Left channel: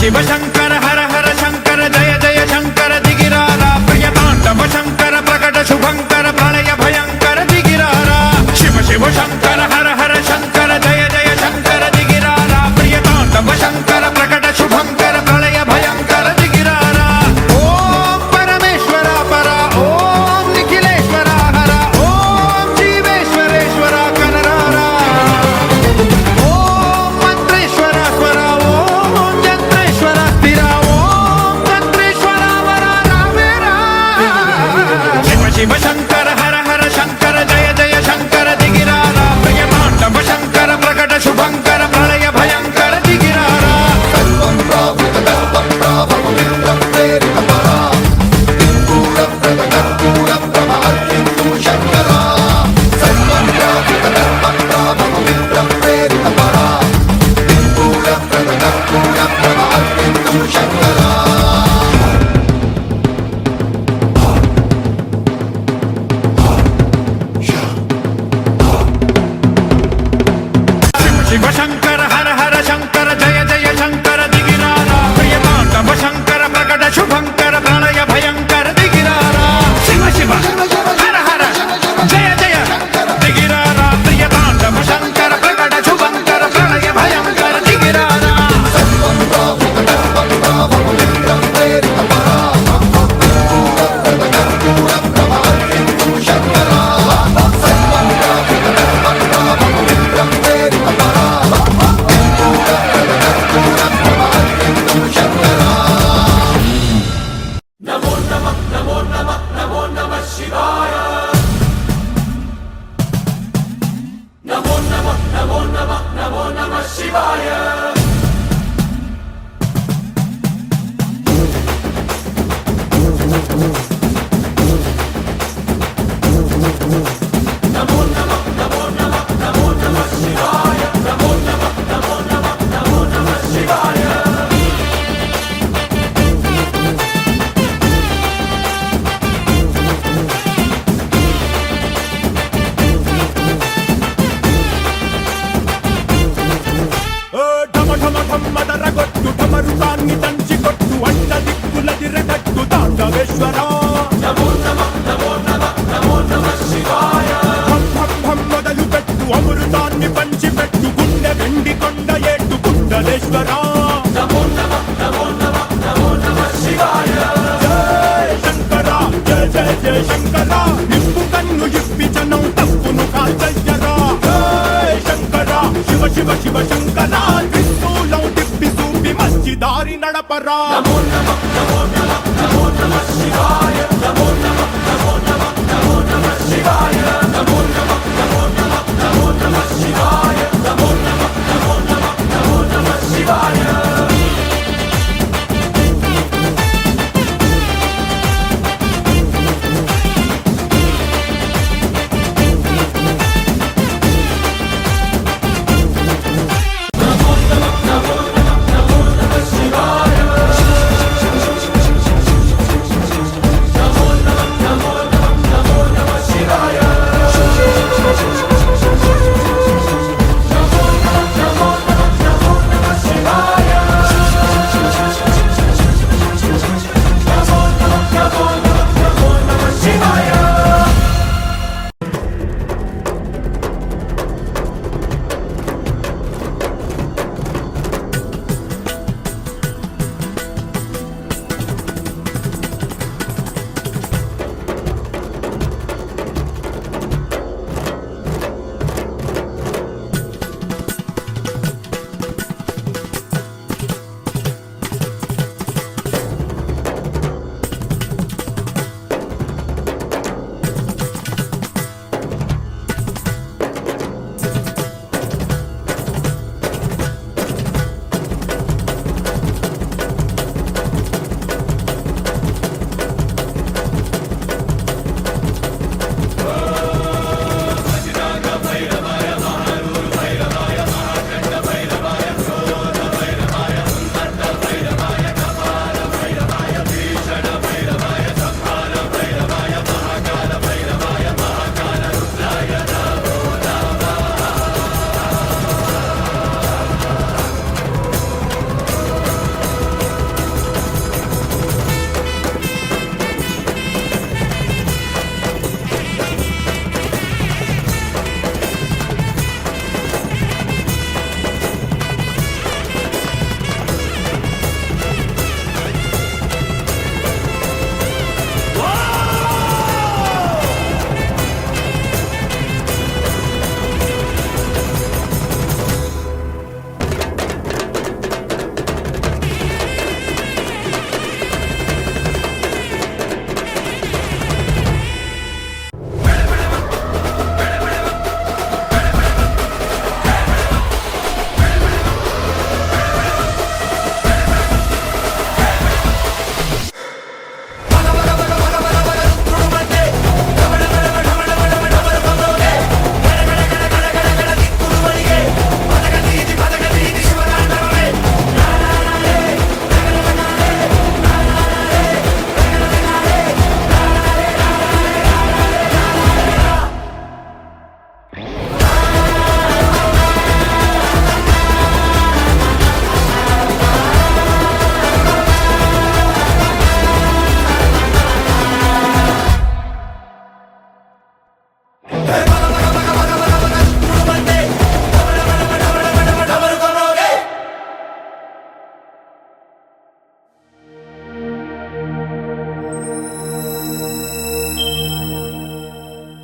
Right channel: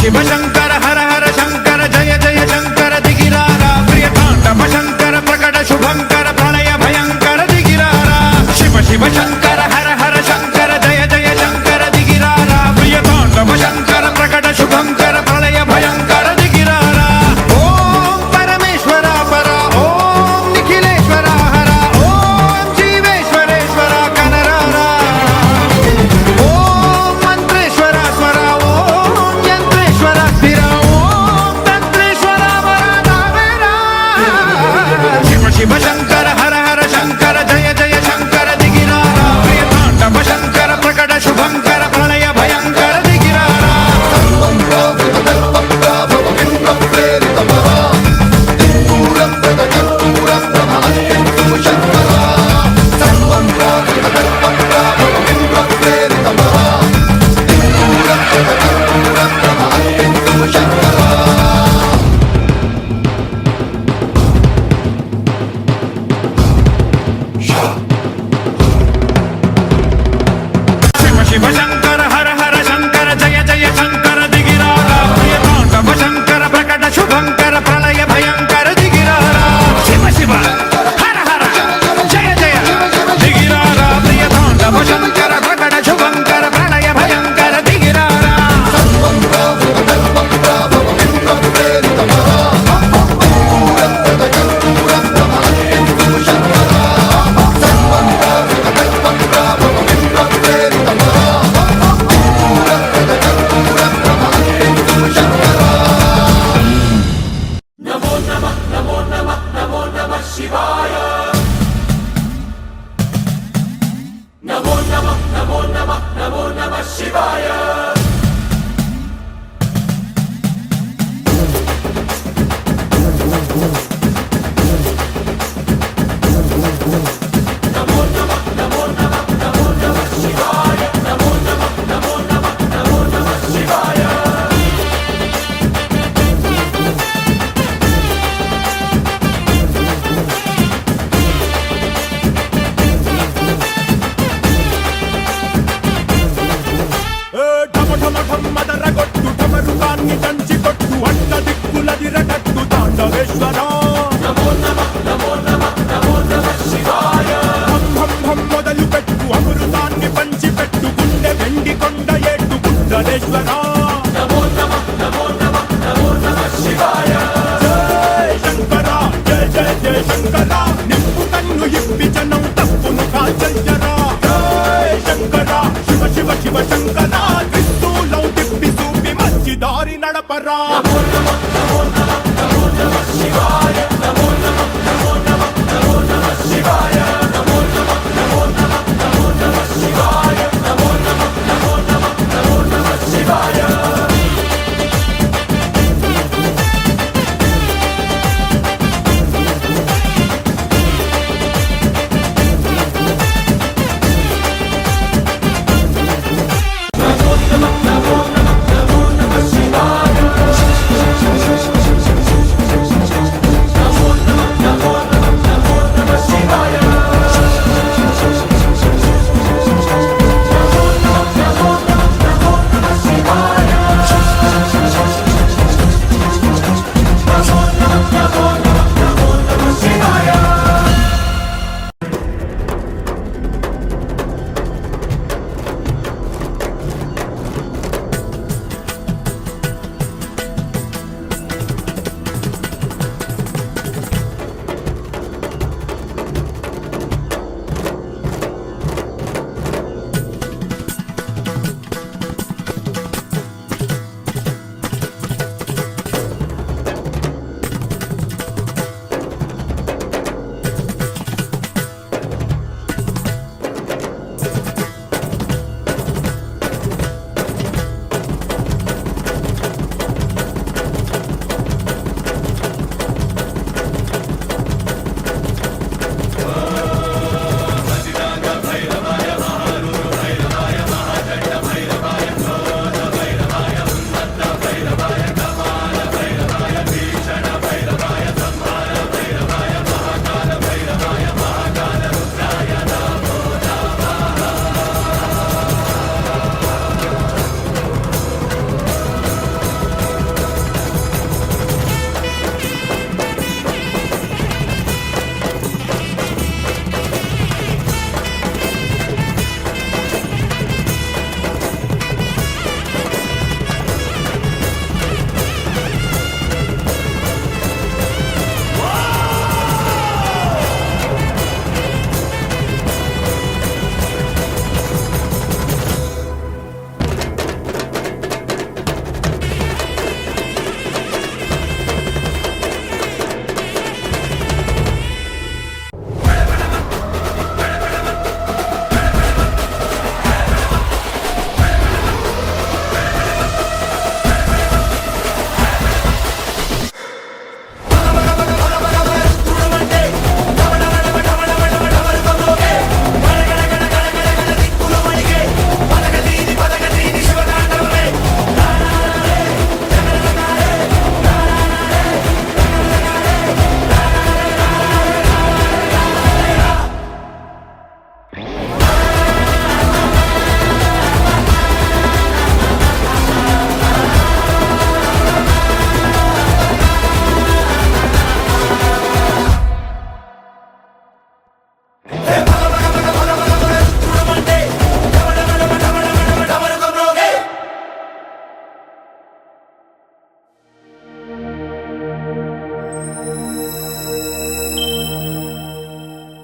శివ శంకర హర హర శంకర జయ జయ శంకర దిగిరారా ప్రియ తాండవ శంకర ప్రకట శుభంకర ప్రళయ భయంకర దిగిరారా శివ శివ శంకర హర హర శంకర జయ జయ శంకర దిగిరారా ప్రియ తాండవ శంకర ప్రకట శుభంకర ప్రళయ భయంకర దిగిరారా ఓం పరమేశ్వర పర ఓం నిఖిలేశ్వర హర ఓం జీవేశ్వరేశ్వర కనరారా ఓం మంత్రేశ్వర స్వర ఓం యంత్రేశ్వర స్థిర ఓం తంత్రేశ్వర వర నావేరా శివ శివ శంకర హర హర శంకర జయ జయ శంకర దిగిరారా ప్రియ తాండవ శంకర ప్రకట శుభంకర ప్రళయ భయంకర దిగిరారా శివ శంకర హర హర శంకర జయ జయ శంకర దిగిరారా ప్రియ తాండవ శంకర ప్రకట శుభంకర ప్రళయ భయంకర దిగిరారా శివ శివ హర హర జయ జయ దిగిరారా ప్రియ తాండవ శంకర ప్రకట శుభంకర ప్రళయ భయంకర దిగిరారా మదరగొట్టు ఠమరుకాన్ని దంచి కొట్టు అంట దిక్కులదిరగట్టు తాండవేశ్వర మొదలు పెట్టు అమృతాన్ని పంచి పెట్టు గుండె వెండి కొండ ఏట్టు గుండలేశ్వర జయ శంకర జయ జయ జయ శంకర నిప్పు కన్ను ఇప్పి జనం తప్పును కాల్చయ్యరా జయ శంకర శివ శివ శివ శంకర త్రిశూలం తిప్పి చూపి మంచి దారి నడపరా